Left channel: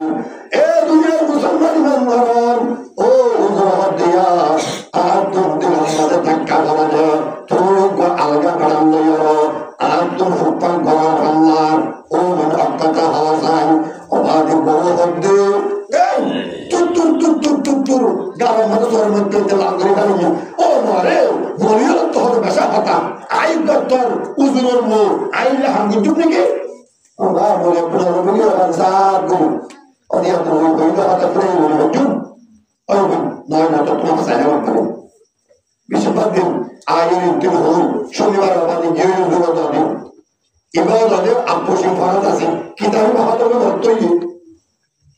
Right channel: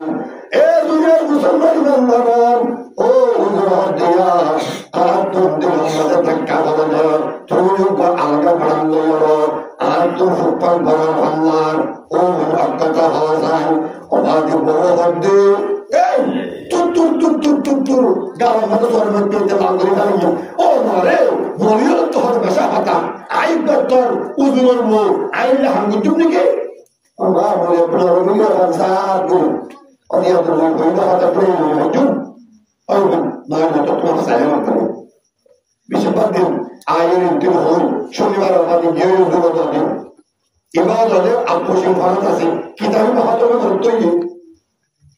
এ দুনিয়ার মুসলমান ইমানদারন ও হুজুর দিয়া আর তুমি দিলের মধ্যে ধাক্কা বলে যে তুমি আলগা বাড়ান লইও আর তুমি ফুটপান করার পাল্লার ও মনে অজ্ঞতা হওয়া যায় অবাধে বড় হদ্দে এই তুর তুর তুর তুর তুর তুর গালার মধ্যে চরমের পেতে লাল করে ফেলি ও মারে মরিও তো হতে বেশা কথা আই তোর উজুরের বউ আইলে হাঙ্গুচুপ নাকি আমার বলে আপনার মিলিয়ে বাজার করুন অনেক তুমি বইলে হঠাৎ করে জুম ওই নয় না তো তোমার সাইলেন্ট করো বেশিরভাগ দিন আয়ের দিন হই শনিবার অবাধে গিয়ে দূরত দিন এবার ওদের আপু সিং ফরাত আছে কিতাবে মহাতমে ধরতই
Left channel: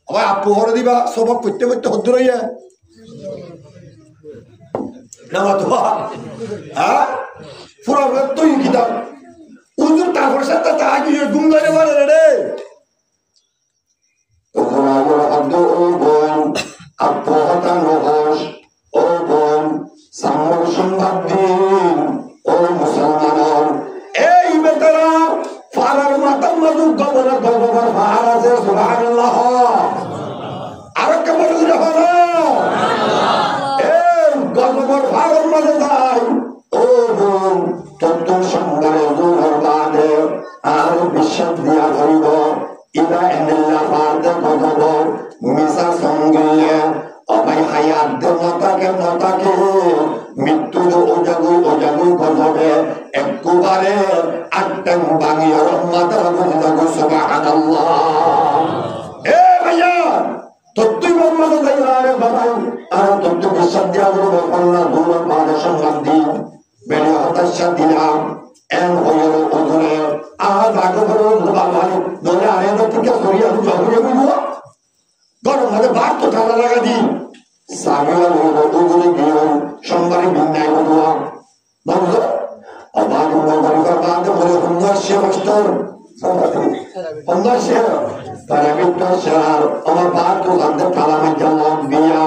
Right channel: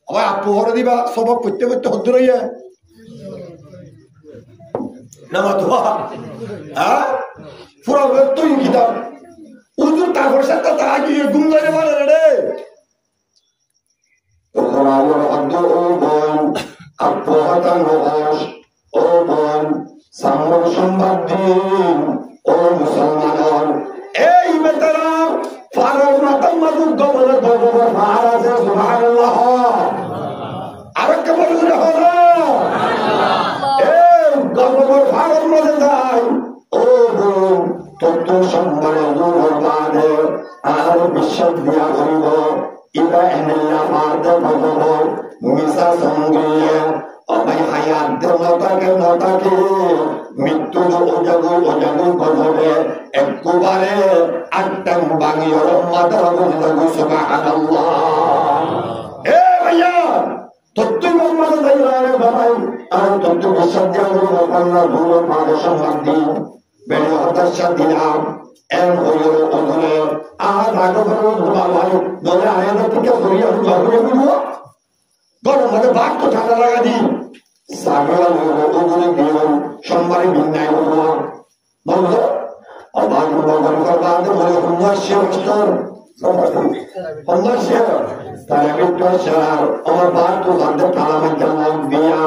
আবার আপু হরে দিবা সবক করতে করতে হদ্দ রইয়া নামা তো হ্যাঁ পুরা তৈরি কিতাব উজুর তারপর সাথে তা আগে ঘুম ধরে পারে রে ও বোন আপু হতান রহস ও বোন সামর সংবাদ দিন ও মুসলমান এই বেতারা ফারার মাতার মাদুক গবলের গর্বকর ফাহার আছে সুবহানাল্লাহ আর কে বলে হলো এই গর্বকর ফারার মাঝে যাই ও বোন তোর সম্মানে দূর বাদে আর বিশ্বাস দিয়া করিব ইবা এনেলা ফারদে গদব মিসা সঙ্গে অবাই হায়াত দে নতাকে মৃত্যু ওজাগু গদবে একবারে আটটাং বাঙিয়র মাথা গদব সুবহানাল্লাহ এ ভাইয়া তত্ত্বই মোহাম্মদ সাল্লাল্লাহু বাবাই আর তত্ত্ব বিশ্বাস দিয়া করিব আল্লাহ দূর বাদে সম্মান দিন বেড়ে হতাশা দিলাম এন হইল ওধরে আজ আগে ভালো নলে আরে থেকে সরিয়ে আমি জঙ্গলে বুঝবো গরম মাঝে ভাত তো ঠান্ডা লাগা দি সাগিয়াল ওধরে গিয়ে সোমবারে বিন্যায় বুঝবো বুঝলো আবার গরিবার বাদে বলে সুন্দর শেয়ার সুন্দর শেয়ার তারা বিট্টর শেয়ার আমার বাদ তো লাগতে ঠান্ডা মাঝে লগ দিয়া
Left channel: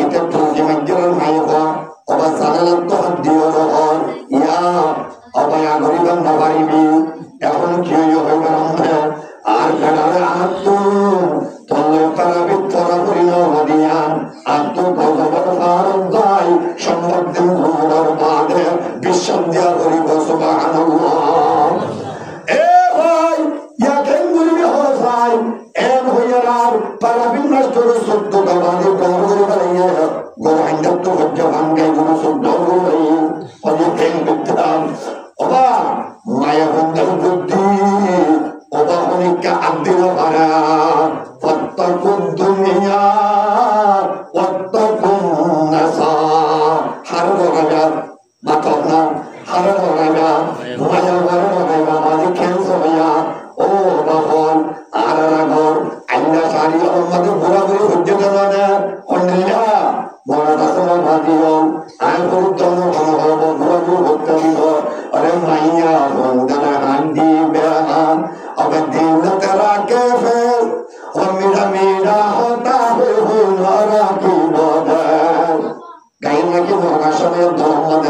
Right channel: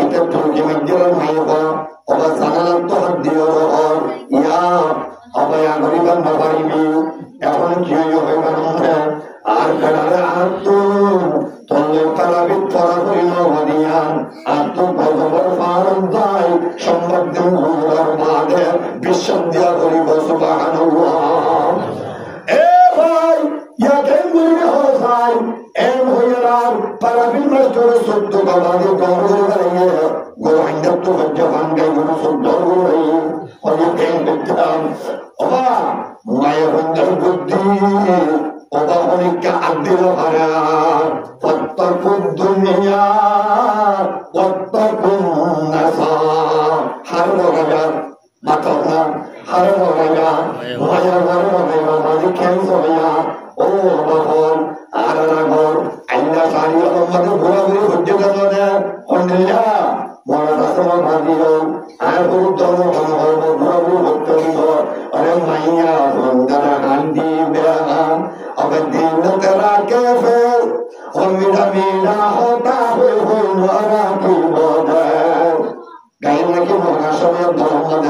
এতে ঠুলকি মাঝের মাইব অবা জানালাম তো হাত দিও রহর ইয়া অবায়া গরিবান নবারিবি এখন কি হইবা নমে আর বেড়ারে আর তো তল্লে তারাবি পরা করি নদিয়ান আর তো গজবর ফারুক যাই সম্ভব দিন ঘুরার বাদে বিশ্বাস দিয়া করিব সুবহানাল্লাহ এ ভাই ইয়া কেন গরিবি হওয়া যায় এম হইয়ার পারাবিন মাস্টার সত্য গবাদি ডর করে বাড়িয়ে গরু হাইন্দার তো হজ্জা ভাঙ্গাই গরু সত্য গরু হয়ে কেন করতাম অবা মায়া বন্ধের বুদ্ধি অবা অনেকটা আদিল ভাড়া ফত্তাকুদ দুনিয়া ওয়াত্তাকুন নাসা হারো রাজা মাথা না হারো রাজা মায়া হারো রাজা মাঝে ক্যান্সার হইয়া ও বাহন আর রাগর আইনা সারি আমাদের ঘোরাঘুরি হচ্ছে কেন কন্ডিলা বড় দাসরা ভাবিও আয় গুরুত্বম হব ঘোরাঘুরি হচ্ছে দিব আরে মাইয়া বন্দর হান্ডি বেহান अब दिल तेरा कैफे और मेरा मेरा होता हुई नारा की बोधर गाइन लगी नौका समय दोमद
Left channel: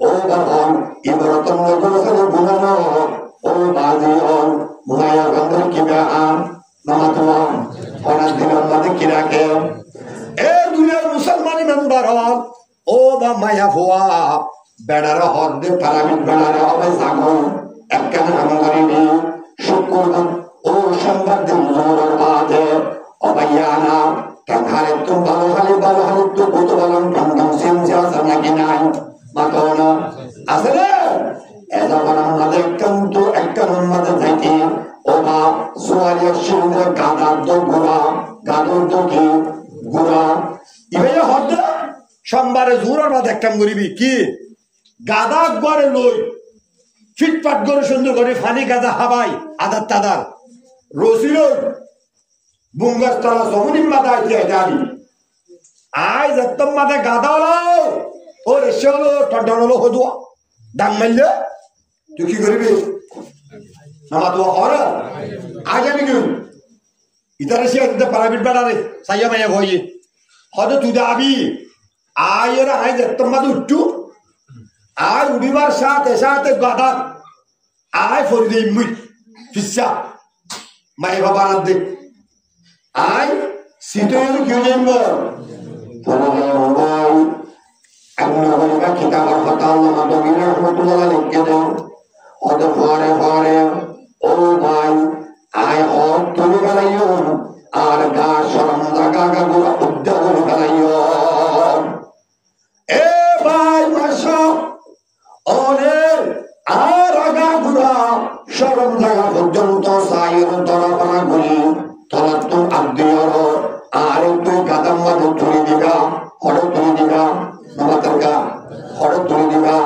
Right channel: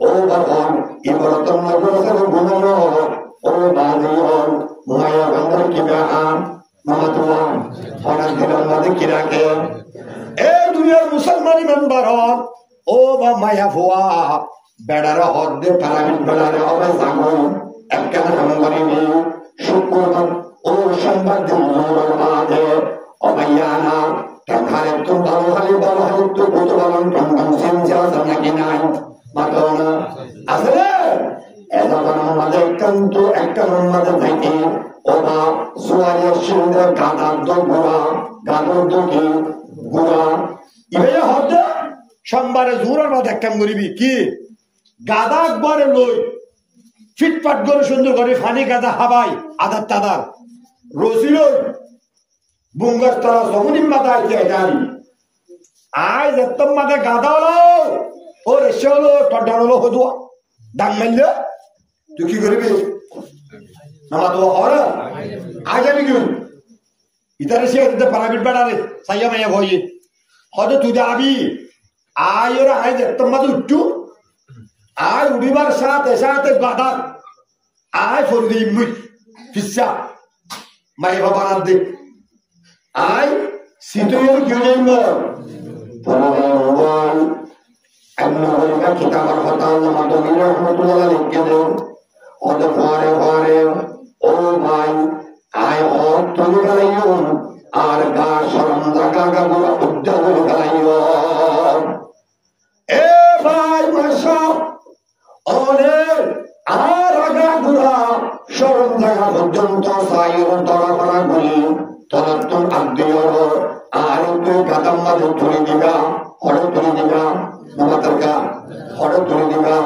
ओ बाबन इबरतन नगर से गुनानो ओ बाजियों माया बंदर की बेहान नमतुआ होना दिनों मध्य किरा के ए दुनिया मुसलमानी मेंबरन ओ बा माया हुआ बेड़ारा होत दे पाराबिन बेड़ारे अबे सागोई একখান হামগরিবি শুক্রবার ও সোমবার দিন জোরের বাদে অবাইয়ানা কেনখানে তো ভালো হালি তো কত ভালো টন সিম আছে নাকি নাই মাতনা আছে রে এজন আমাদের কিন্তু একটা নম্বরে যাইতে ওবা সোয়ারিয়া শিলদে গাদার তো গাদর তো কি গুড়া ইবে হতে সোমবারে জোরের বাদে একখান গরিবি কি গাদা গরে লই ফিটফাট করে সুন্দর করে ফানি গাদা হাবাই আদার তাদার রসিল বুঙ্গাস তারা জমুনিম মাথা আইতে আইতাবি আই যেতম মাথা গাদা হলো ও রেসে হলো টড্ডান হলো হদুয়া ডাং মারলে তুই কি করবি নামা তো হরা আই যাবি কি ইতারে সে দিতে পারাবিট বেড়ারে সাইয়া মাইয়া ভয়ে হয়তো তুই যাবি আই ওরা আই যেতম মাথা উঠু আয় উড়িবার সাথে সাথে গাদা আয় ফরি মুই ফিসা মাই বাবা না দে আয় সিটোয়ের কিউ যাইব পরে মোবাই আপনি বলিবা কিতাবার হতা আল্লামা দবির রহমাতুল্লাহ লিখে দেও হত পরে ও ভাই আয় হর তুলি বেলাইও আর গা শরম জাগা গা গুলা উদ্যা করে বেলাইও এ ভাই মাসা অনেক আর আগা গুড়া শরম জাগা পর্যন্ত সাইর দরবারা গুলি তলাত্তম আদ্যর আর তুই গাদাম মাঝে তুলি দিবা হড় তুলি দিবা নমাতার গা হড় তুলি দিবা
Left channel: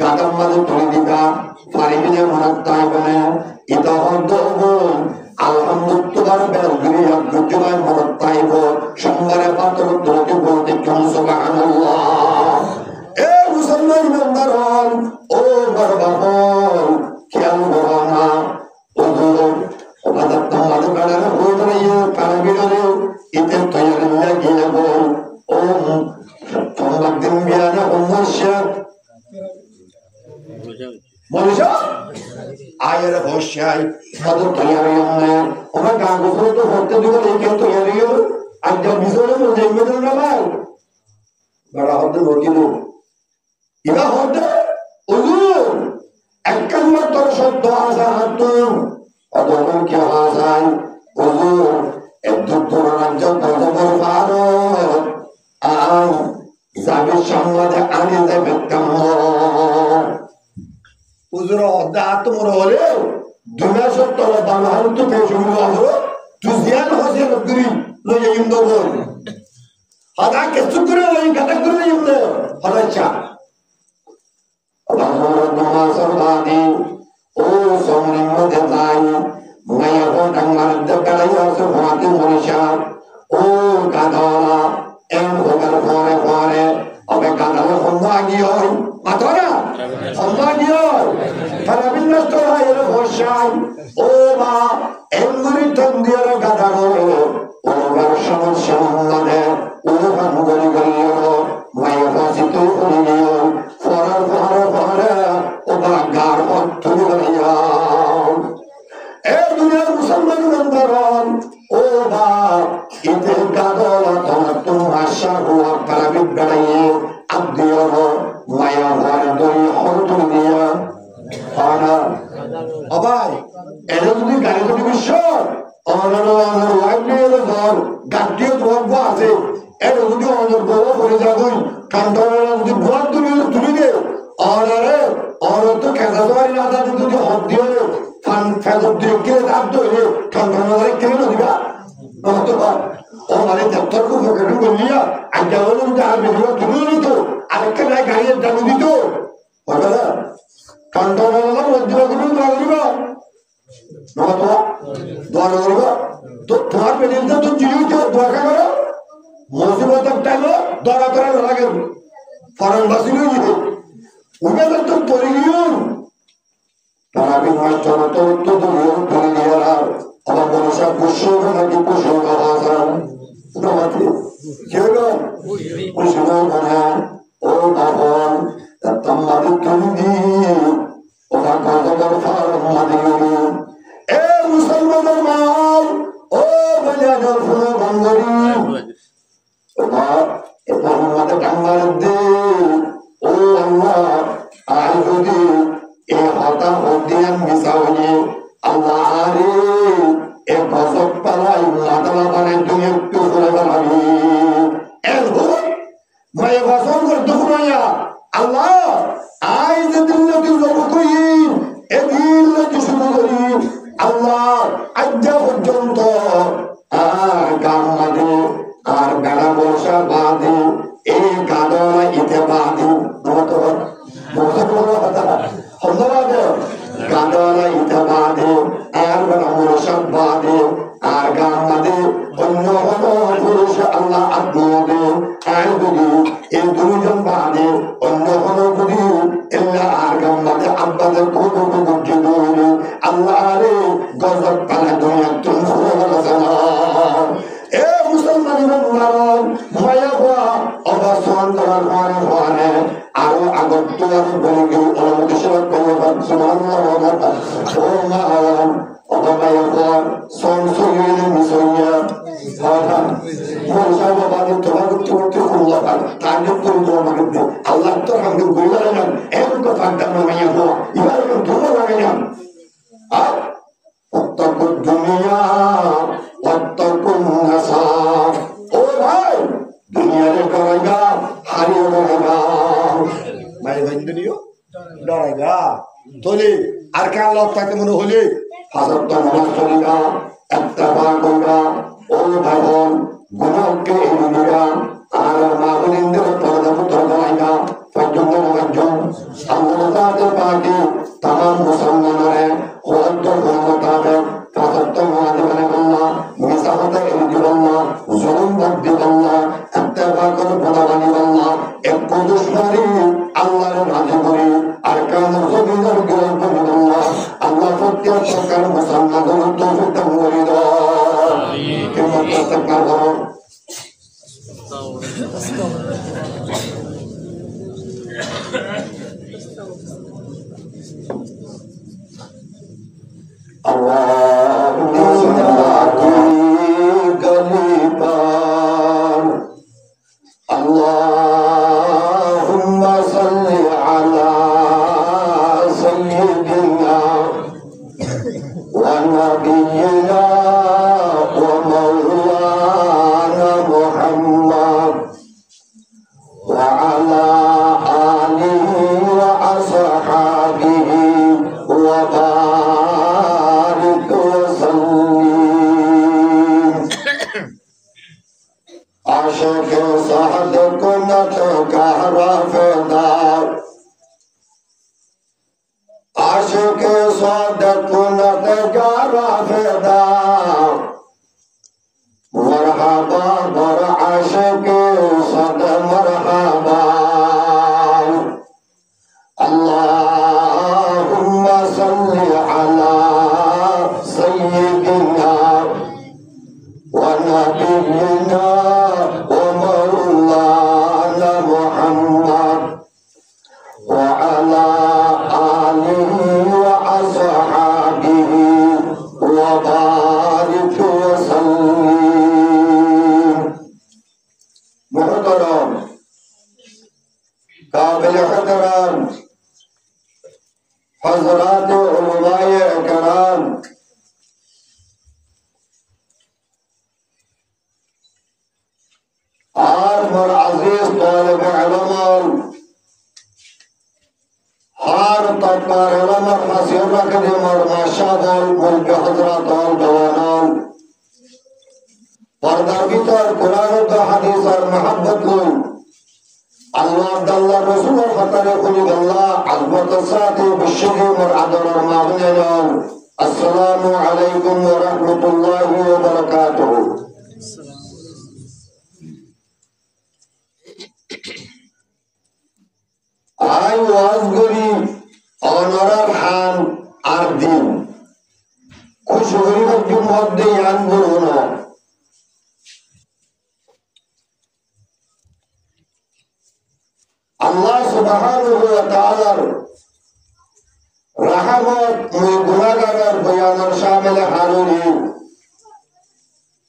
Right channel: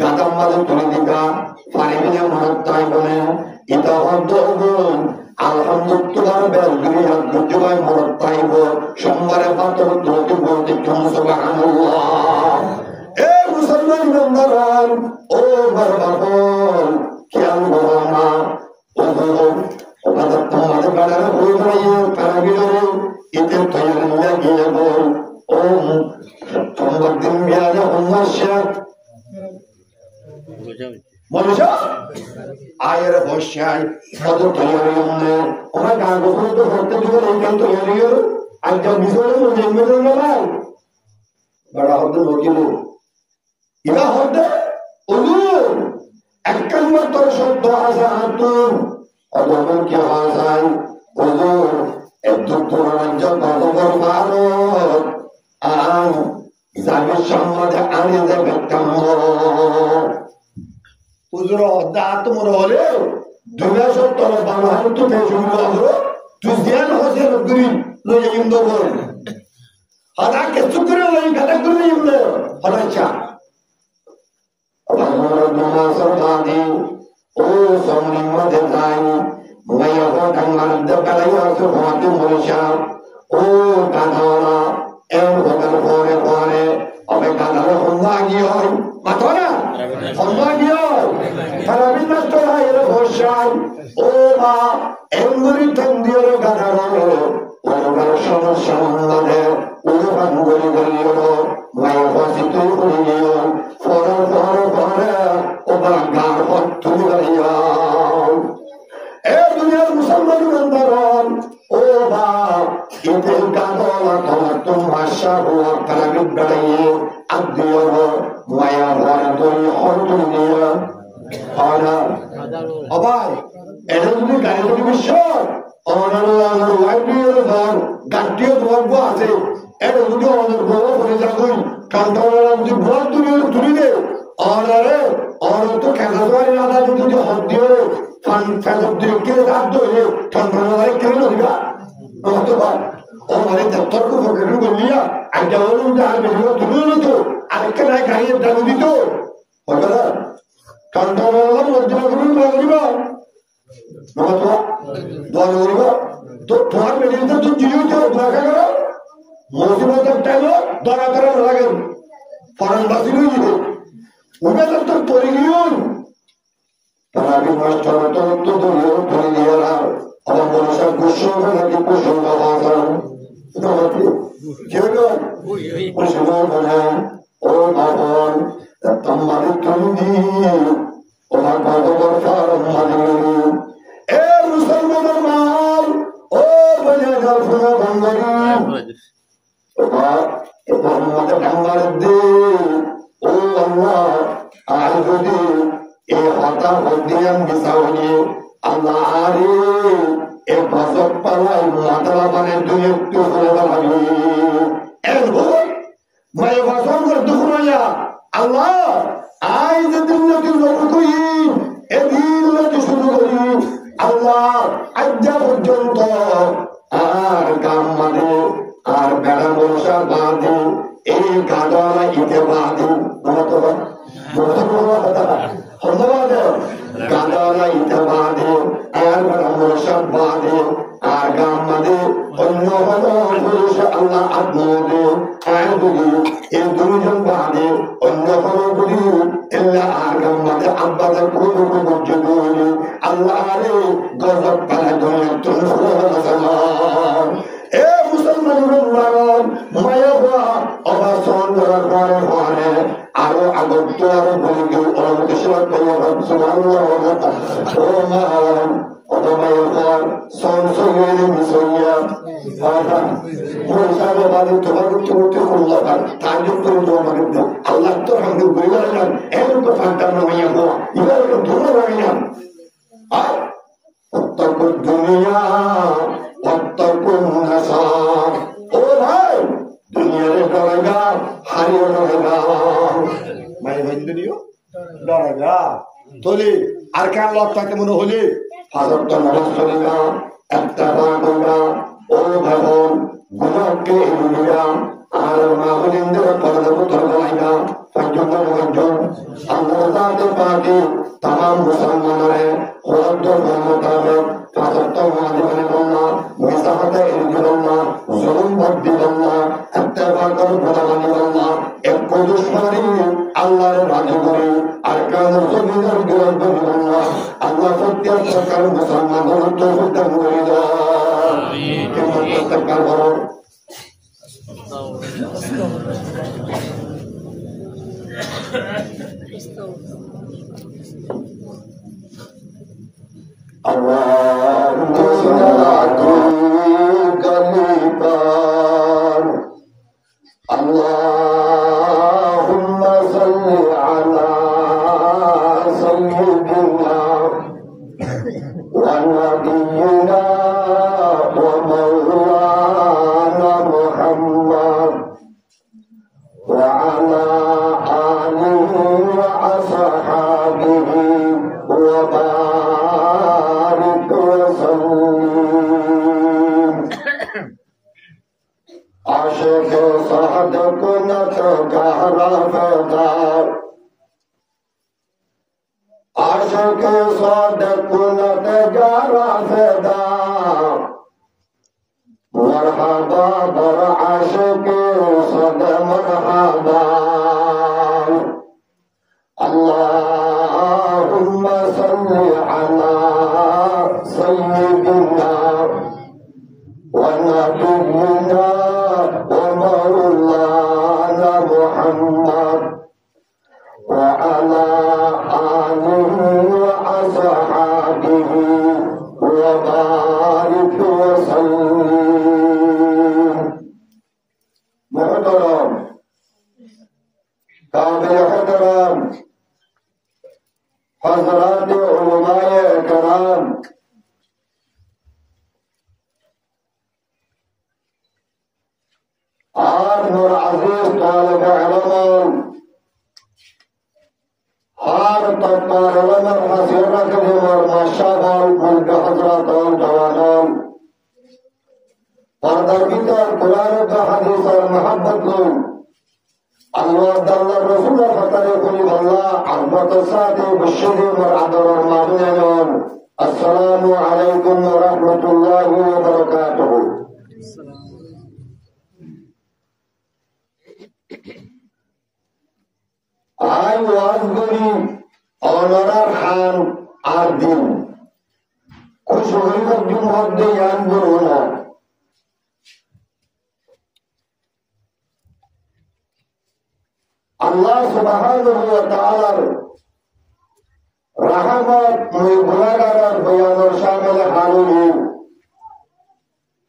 গাদাম মাঝে তুলি দিবা পারিবিনে মনত তাই বলে এটা হদ আলহামদুলিল্লাহ বেলগুলি আব্দুল্লাহ মনত তাইব সোমবারে পাতর তুলতে বলতে কেন সুবহানাল্লাহ এ মুসলমান ইমানদারন ও বারবাবন খেয়াল করো না ওজোর ওবাদত তোমাদের বাড়ারে হয়ে গেলে পারাবিরে এতে তৈরি লাগিয়ে বল ও সোমবার দিন বিয়ানে উম্মাশা মনুষ্য আয়ের বসাই মধু তৈরি হলে আমার গান গোসল তো হতে দিবে এইখান তৈরি হল আর যা বিজয় মধ্যে মেদল না ভাই বড় হতে নকিল ইবা হতে ওজুর একখান তোর সত্য আসা হাতুন অদরকার কি হওয়া যায় ওজুর একদম তোর রাজ্য কত বড় ভারত আই যাবে সমাজে আনে যাবে কামর ওজুর দা তোমার হলে দুনিয়া সত্য বাংলা তো পেশ হইল আমরো তুই জ্ঞান হসে রগরি লই ইমদো বল হাদা কেসু করে লই গাদা করে ইমদো হাদা চা ও সমরিম মধ্যে যাই মাইয়া ঘন্টা মারতে বেড়াই আসে ভাতে মরিষা ও গাধলা এম ভোগাল পরে অবে গাধালে সম্ভা গিয়ে হয় মাথা না সম্ভা গিয়ে হয় খারাপিন নষ্ট হয় এরা ভরসায় ও মা এমগুলি তন্দিয়র গাধার ওনার সমস্যা মহম্মদে উলুফান গলি গলি হলো মাইয়া ফাঁসি তুই হয়ে গিয়ে পরে ও বা গার হত তুমি বাড়িয়া এ দুনিয়ার মুসলমান ইমানদারন ও বা ইতে গাদলা তোমার তোমার শাহ হুয়া পারাবিদ বেড়াইয়ে আদিয়র মায়া ভরে দই হর তুমি দিয়া পানা ও ভাই এটা যদি গাড়ি যদি বিশ্ব অনার ওয়াইফ নিয়ে ধর গাড়িও ধরবো আছে এটা যদি অনার বউ করে যাবই কান্টনারা যদি ভর তুলি দে অনারে অনার তো খেলা তোমার না দাদি যদি হদ দিয়ে ফান ফেদর দিয়ে কিনে দাঁত ধরে কান্টনারে কিনে না দিবা নমস্কার ও মানে তর্ক ফকরেন বললিয়া আজ্ঞা হলো যদি আর বেরিয়ে তুলিও না তো আরেকটা নাই গাড়ির দামি দিত বলবে না কান্টনারা মধ্যে দোয়া করিবা নমস্কার দোয়া করিবা তো তোমার বেরিয়ে তো চিড়িয়ে দোয়া করো মুসিবতের টাইমে দরা দরা না লাগে ফরান বাসি লইয়ে উবে তো পড়ে গিয়ে তারাবি মাস চলো তো ধরিও ধরে দিয়ে আর আমার মনে সব খুশি হবে নাকি খুশি হবে নমাতি কি হলো খুশি হবে ও বাবন তোমাদের তুমি দিয়ে ওরা কত বড় ফারান মাঝে গেলি এ মুসলমানের মাল ও বলে গেল শোনো গঙ্গরি এবার মধ্যে ডাঙ্গার দে ও আল্লাহ আর যদি এ হতা হদিয়ান মিশা হইয়ে আল্লাহ আরে এ গজব পালাই মাতালা মানে তুই একটু করে বেড়াবি এন হই মায়ে বাসন করে দুপুর হইয়া আল্লাহ আই যে দিন তুই জব করি এদিন তুই শুরু করি আল্লাহ আজ্ঞা পর্যন্ত আর গান মাঝে আর বেড়া মশা বাঁধে এই গাদলা ইতে বাঁধে গাদলা ইতে বাঁধে আর বেড়া মশা বাঁধে আর গান মাঝে অন্য পুরুষ আল্লাহ আত্মদে আর যদি এই দুজন বাঁধে অন্য কোনো যদি এল্লা আর গান মাঝে আব্বাদের কোনো কোনো আল্লাহ আরে গজব পালা দুনিয়া তুমি এ মুসলমান ইমানদারন মায়া হওয়া অবা সন্তান ঘরে ঘরে আরো আগত তো আরো বলে গেল অনুমতি সেবা পাইয়া সুবহানাল্লাহ ও মা অবা মায়া হওয়া সন সইয়ে মিসইয়া Allah to hamdu gurilan eluko fantan namanya ho ibarat dulu laganya ay wattaqud dunya wattaqun nasar oh bhai dunia re डरेगा हारियो डरेगा mai binduniyo डरेगा toli arkan lot paite mone holi hazar to namas choliga ittaba koiga o bhai bon gunahke eluga আর মাগুনিন্দের পর্দা পুত্র গলাইগা ফাজ্জুন নওয়াজ্জুন আল্লাহর জাতে পাকি तमाम মুসলমানরে ওয়াক্ত মোতাবেক ফাজত ওয়াজিবানে আল্লাহ মিসাফাতে ইলদি আল্লাহ জুলুম বদ্দি আল্লাহ ইত্তেবা করে বদাবানি আল্লাহ এক দুশমারি আল্লাহর রাজি করে আর কাজ জমিদার গিরফ করে আল্লাহ আল্লাহ প্রত্যেক সরকার মুসলমানদের তৌফিক দান করে দাও আমিন কেমন তাকবার বলো Allahumma salli ala sayyidina wa nabiyyina wa maulana Muhammad wa ala alihi wa ashabihi wa barik wa sallim आशिक साद कुनत गहरा फेदार आशिक साद कुनत गहरा फेदार मरहबा बर आशिक सद मरहबा अल्लाहुम्मा सल्ली अला सय्यिदिना व नबिय्यिना ومولانا محمد وعلى آله وأصحابه وبارك وسلم محترم قابل احترام حضرات علماء کرام আর মোর আজিজ তালেব ইলম হার তকবার ইলম হাসির রাখে মোর মাশাআল্লাহ মুলকি হযরত জওয়ানান পর্দার ভিতর কোরআন ও হাদিস আর mohabbat লই আল্লাহর দাল্লাহ রাসূলের খাতারে খুনি আল্লাহ আযমতের সাথে বিশ্বজি মোর আদরের মাগনান আসসালামু আলাইকুম ওয়া রাহমাতুল্লাহি ওয়া বারাকাতুহু I was going honorar han ar din kushuguri majum hodde yan buruna Allah subhanahu wa ta'ala rahmat muy gunagar bayanar shamil haluni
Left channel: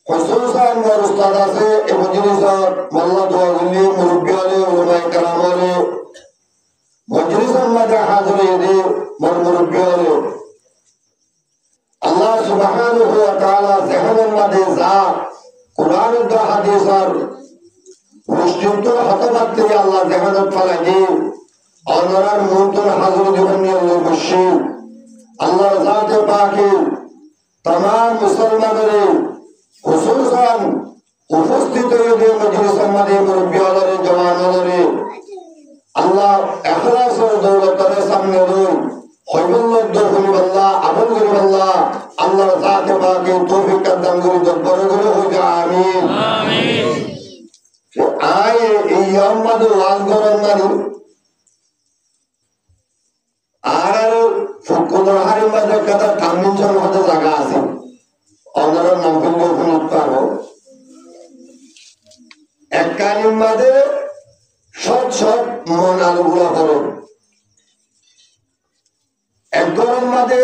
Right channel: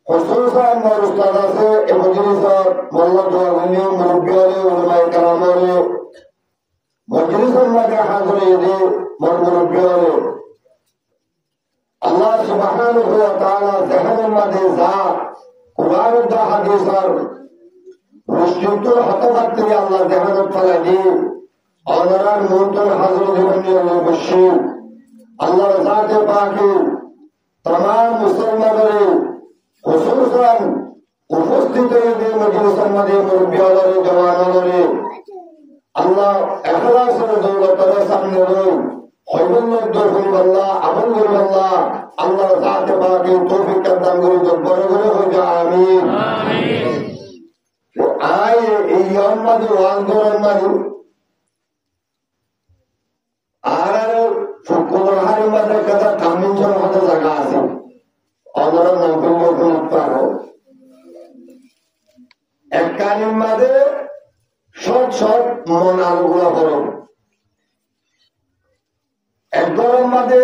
khususan mar ustada se e majlis aur malla dua gulli murabbiale ulama ikramale मजलिस में हाजिर ये मरमुरबियाले अल्लाह सुब्हानहु व तआला ज़हन में जा कुरान व हदीस और रुश्तित हतबत अल्लाह ज़हन फलानी और मुतन हाजिर दिवने बशी अल्लाह ज़ात पाकी तमाम मुसलमानों खुसूसन उपस्थित ये मजलिस में मुरब्बियाले जवानों আল্লাহ ইখলাসের দৌলতের সামনে রই হইবুল্লাহ দরহুল আল্লাহ আমল করি আল্লাহ আল্লাহর জাতে পাকে তৌফিক দান করি বড় করে হই যা আমিন আমিন আই এই ইয়ামাদ ওয়াজ গরম মানি আর ফুকুর হারি মাঝে কথা তামিন জন হতে জায়গা আছে অনর নাম ফিল্লো ফুলত পারো এক কানিম মাঝে সব সব মন আলগুলা করো এক গরম মাঝে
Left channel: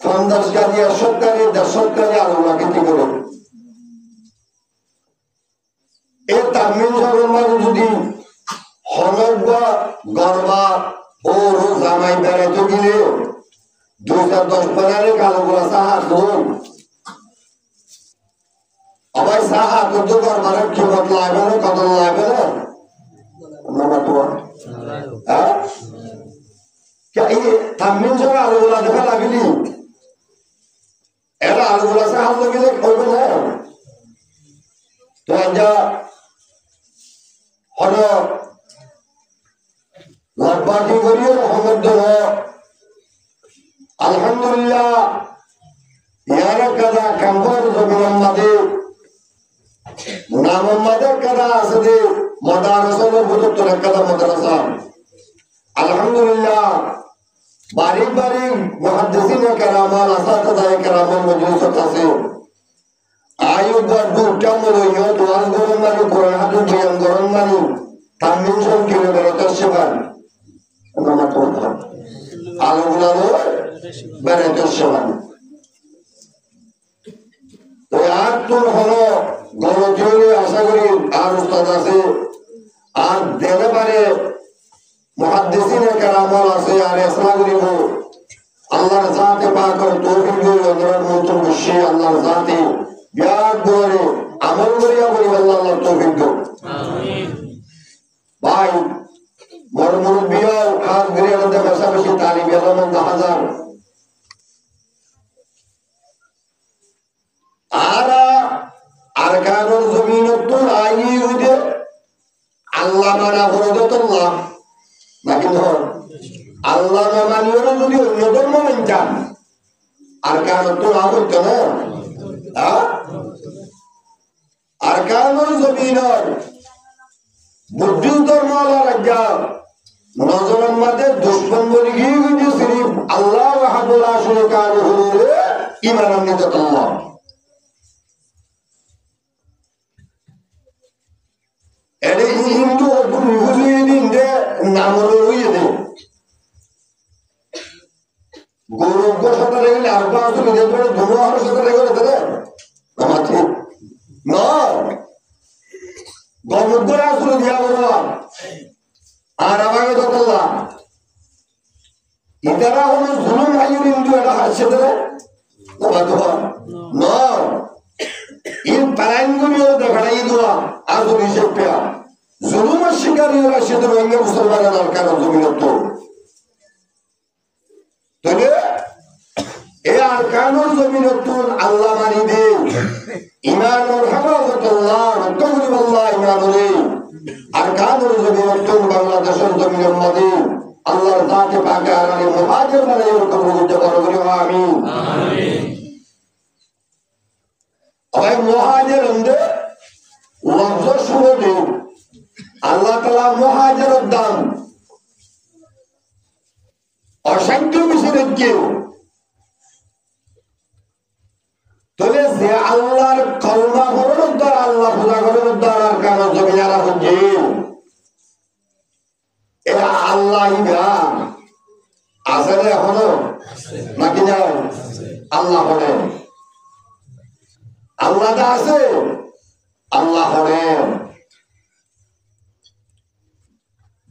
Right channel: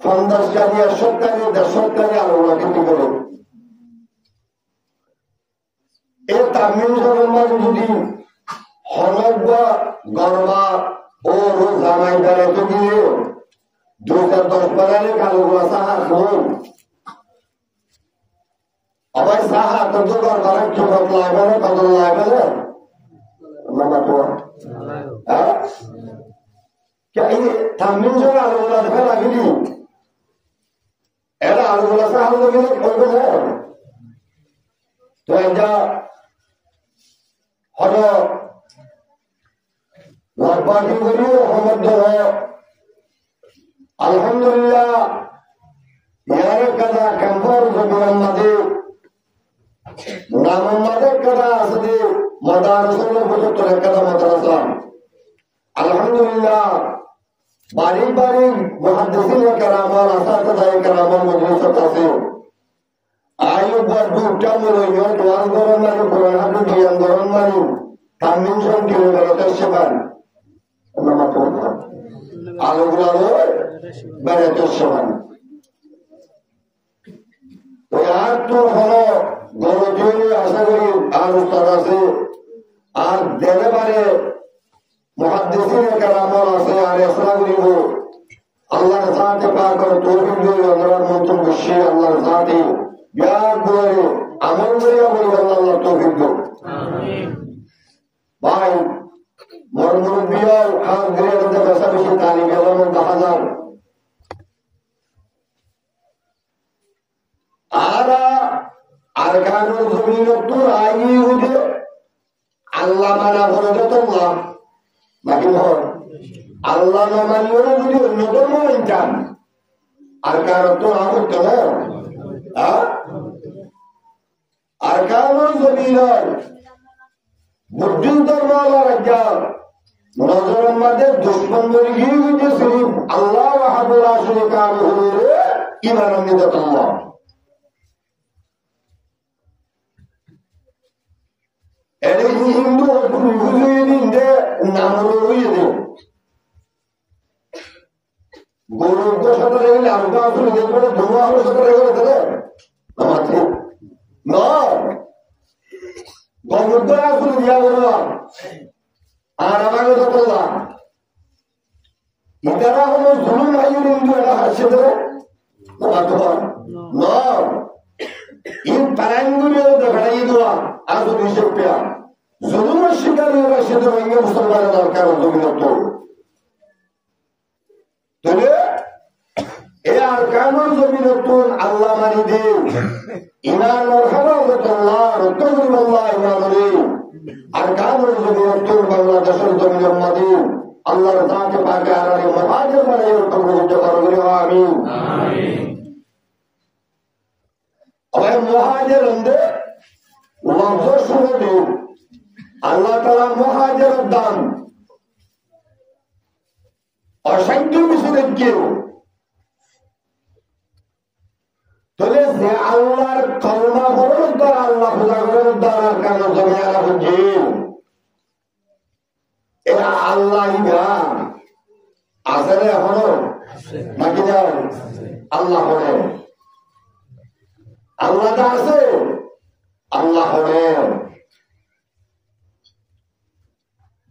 50 গাড়ি 100 গাড়ি 150 গাড়ি আলগুলা খেতে করো এই তামিল সরমার যদি হনবা গরবা ও রোজ জামাই বেড়াইতে গেলে 2010 বাজারে কালো গোলা সাহা খুন আবার সাহা কত গরবার কি বদলাইবে না কত লাইবে না হ্যাঁ এই তামিল সরমার আলো গোলা দেখা লাগলি এরা আলো গোলা সাহা গেলে করবে না তো যা হলো লব্বাকি করিও মোহাম্মদ আলহামদুলিল্লাহ ইয়ার কাদা কাম্পার জমিনের মাঝে নামের কাদা আছে যে মাদ্রাসার বুজুর্গের কাদা মাদ্রাসা আলহামদুলিল্লাহ বারিক বারিক মুহাদ্দিসিনে কেরামান আসাতিজায়ে কেরামান মজলিসত আছে আয়ু গড় উঠামলো ইয়ত ওয়াজ গরম মানি কোরআন হাদিস বয়ান গরম মানি তামিল সব কিলোমিটার সেবান আলোগুলো বেড়াতে সেবান তো আর তোর হলো গণজীবনে আশা করি আর উস্তাদ আছে আর দেনে পারে মুহাদ্দিসিনে কেরামল আছে আর এসলা করিব আল্লাহর জাতে পাক করে তৌফিক দিয়ে অনুরোধ মন্ত্র বসে আল্লাহর জাতে বিয়ার করে আমল করিয়া বলি আল্লাহর তৌফিক দাও আমিন ভাই মরমুর বিয়া খাস গ্রেডে বেশি তালিব এলম 10000 আরকানুল জমিনত আইনি হইতে আল্লাহ মানা করে দতল্লাহ নাকি নয় আল্লাহ না মানিও যদি অন্য ধর্ম মানতাম আরকানুল তো না হইতো না আরকানুল জমিনত বুদ্ধিস্ট ধর্ম রাজ্য নজরের মধ্যে দুশ্মন বলে গিয়ে হইতে সিরিফ আল্লাহ ওয়াহাদুল্লাহ শরীকান হুজুরে ঈমান আনতে আল্লাহ এর হিন্দু হুজুরে দিনতে নামর হইয়ে দে গরু গোশত রেলে আর বাসু রে বড় ধোয়া আর সাথে রে করে দে আমার ঠিক না গমুগরা আসলে দিয়া বড় আর আমাকে তো আল্লাহ ইদারা হলো জুলুম আইয়ুর হিন্দু এটা হাসে দে না তো না ইন পারাঙ্গুরিও দেখাই দোয়া আর যদি সেপিয়া জুলুমের শিকারী ওরা সেদের রোহিঙ্গা মুসলমানের আরকানুল জমিনত তাহলে এই আরকানুল জমিনত আল্লাহ মানি দে ঈমান ওর হেফাজতুল্লাহ রক্ষাকুলিবাল্লাহ ঈমান রে আরকানুল জমিনত বাংলাদেশের জমিনের মধ্যে আল্লাহর জাতে পাকে আরারে মুহাজির বানাই কবুল করুন আমিন আমিন আবার মুহাজির হন্দে লফজ শুনে দে আল্লাহ তাআলা মুহাজিরের দাম অসংখ্য বেশি রেখে তাহলে যে আল্লাহর কলমা পড়ার দ্বারা আল্লাহ পূজা করার দ্বারা আর কারো জমিনারা হচ্ছে এরা আল্লাহ ইবা আসলে এখনো নাকি না আল্লাহ হরে আল্লাহটা আছে আল্লাহ হরে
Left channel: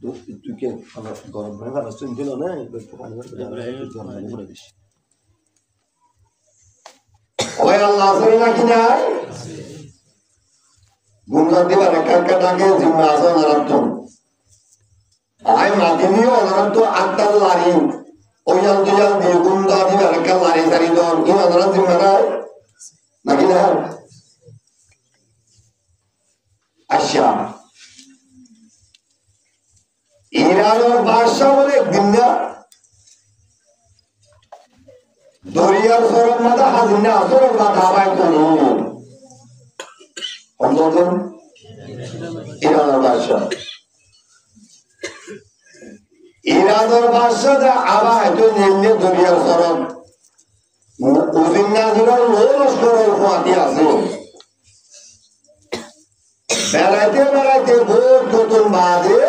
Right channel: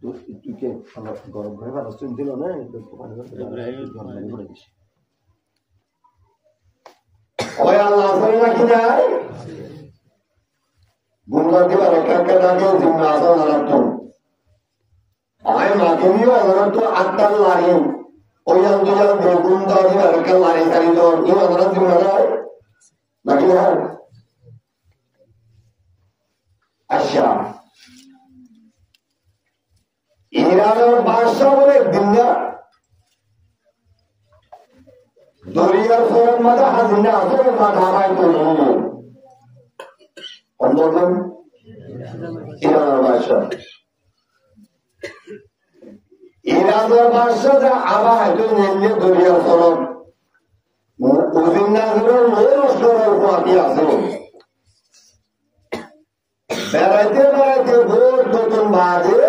তুই আমার গরম ভাই ভালো শুনছিল না ওই আল্লাহ আছে নাকি নাই গুনকার দিবার একটা ডাকে জিম্মা আছে অনারাত্ম আয় মাদিনীয় অনারাত্ম আত্মার লারি ওই জাল দুই জাল দিয়ে গুনকার দিবার একটা লারি সারি দন ই অনারাত জিম্মা নাই নাকি না আচ্ছা ইরানের বাদশাহ বলে একদিন না দরিয়ার সরম মাথা হাজিনা সরম মাথা হাবায় তো অন্যতম ইরানের বাদশাহ যা আবা হয়তো নেমলে দরিয়ার সরম উজিন্না দিলার লো লস্করের ফাঁতি আছে বেড়াইতে বেড়াইতে ভোর নতুন বাদে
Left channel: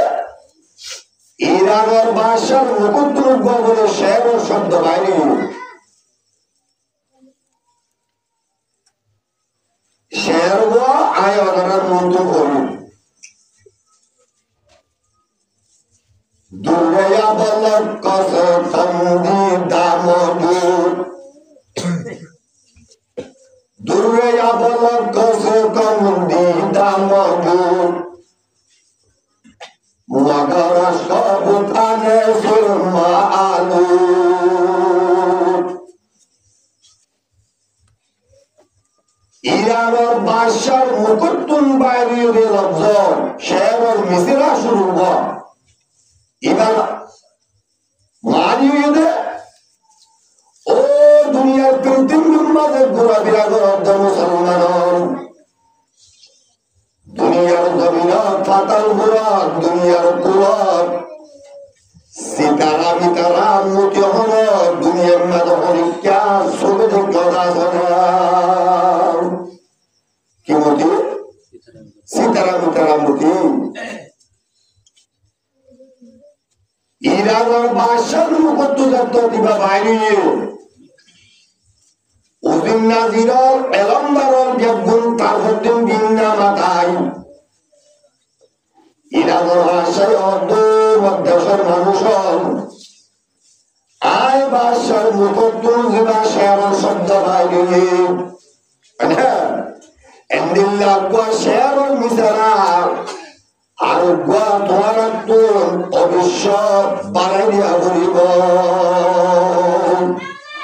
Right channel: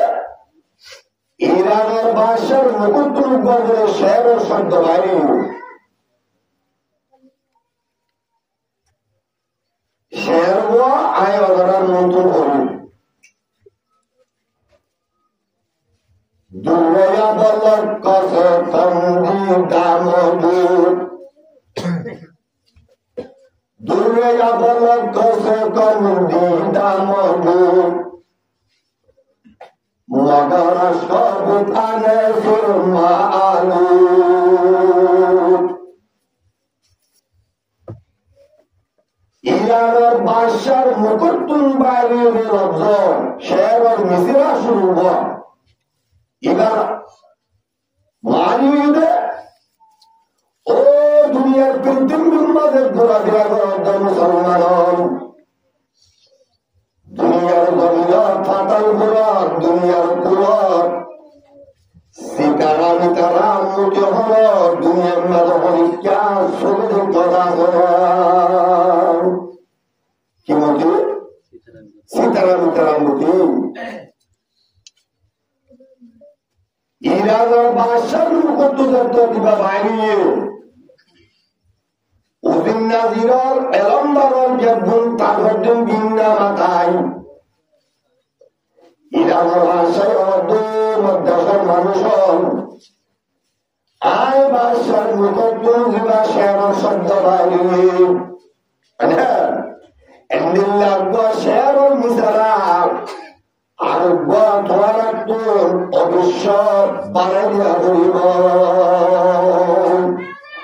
ইরানের বাদশার মুকুদ্দুল গবরে শের ও শব্দ বাইরে শের আয় অনারার নতুন করি দুর্গয়া বলক কসে কন্দি দামজুর দুর্গয়া বলক কসে কন্দি দামজুর মগর সব খানে সুরমা আলু ইরানের বাদশার মুকুটুম বাইরের লফজর শের মিসরা শুরু হয় এবার মারিয়ে ও দুনিয়ার পৃথিবীর মাঝে ঘোরাফেরা করার মুসলমান দুনিয়ার জমিন পাতাল ঘোরা দুনিয়ার কুলর সীতারা মিতারা মুটি হল দুনিয়ার মাঝে অনেকা ছবি কথা শোনা কি মুটি সীতারা মিতারা মুটি ইরানের বাদশার মুকুট যত দিবা বাইরে উদিন নাজিরর এলমদারর বেগুন তারহদ্দিন বিন্না মাথায় ইরানের বাদশায় দেশের মানুষ আয় বাদশার মুকুট দিবা শেয়ার শব্দ বাইরে এন্দিল্লা শেয়ার মিসারা আর তোমার অবশ্য বাড়াই দিয়া করিব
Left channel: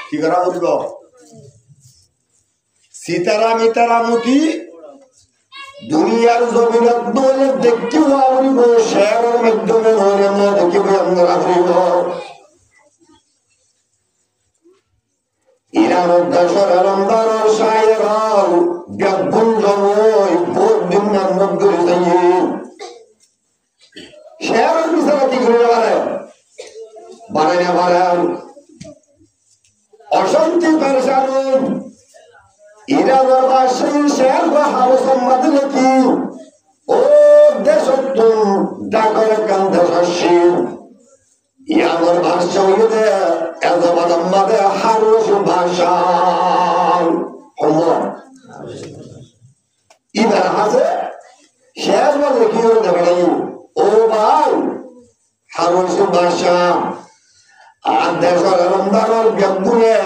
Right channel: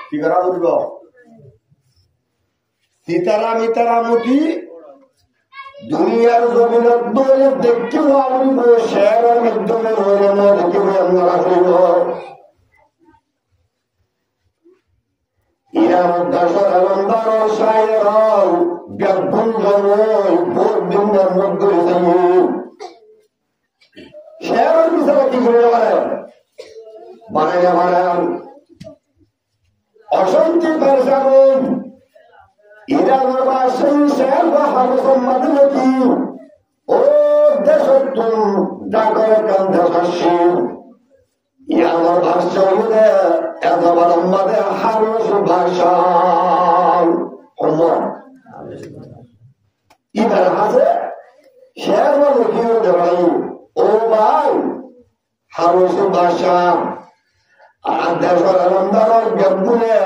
কি করা করিব সীতারা মিতারা মুটি দুনিয়ার জমিনত নইলে দেখিব করিব শেয়ারের মাধ্যমে নইলে ন দেখিব আমরা করিব ইরানের দেশের এলন্দারর শায়ের বেগুন জমই বহুত দিন নগরী যাই শেয়ারের বিচারা কি করে বানাইলে পারেন অশান্তি পেরেশান ইরানের বাদশাহী শেয়ার বা হামসম্মাদ নাকি ও দেশতুন ডাকরে কান্দে শাসী ইরানের বাদশাহ দে এজবাদ মাদে হারুস ভাষা ইবার আছে শেয়ার বলে কি হতে পারে ও ভাই হারুসের ভাষা আর দেশের এলমদারের বেগুনে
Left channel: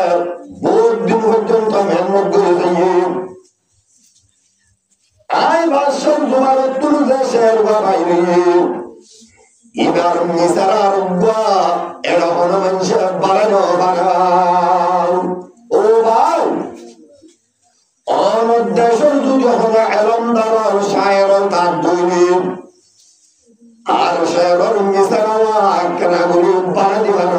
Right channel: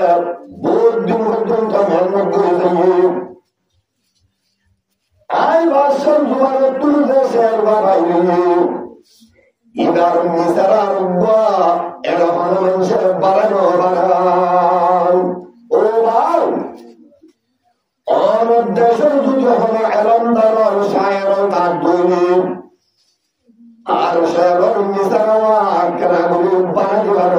বহুত দিন পর্যন্ত মেহনত করে যাইয়ে আই ভাষার জোয়ার তুলে দেশের বাইরে এবার মিসারার এরা হন মানুষের বাড়ানো বাড়াও ও ভাই অন্য দেশের যদি হন এলমদারের শায়ের তার দৈনিক আর শেয়ার মিসারা কেনা করি বানা দিবার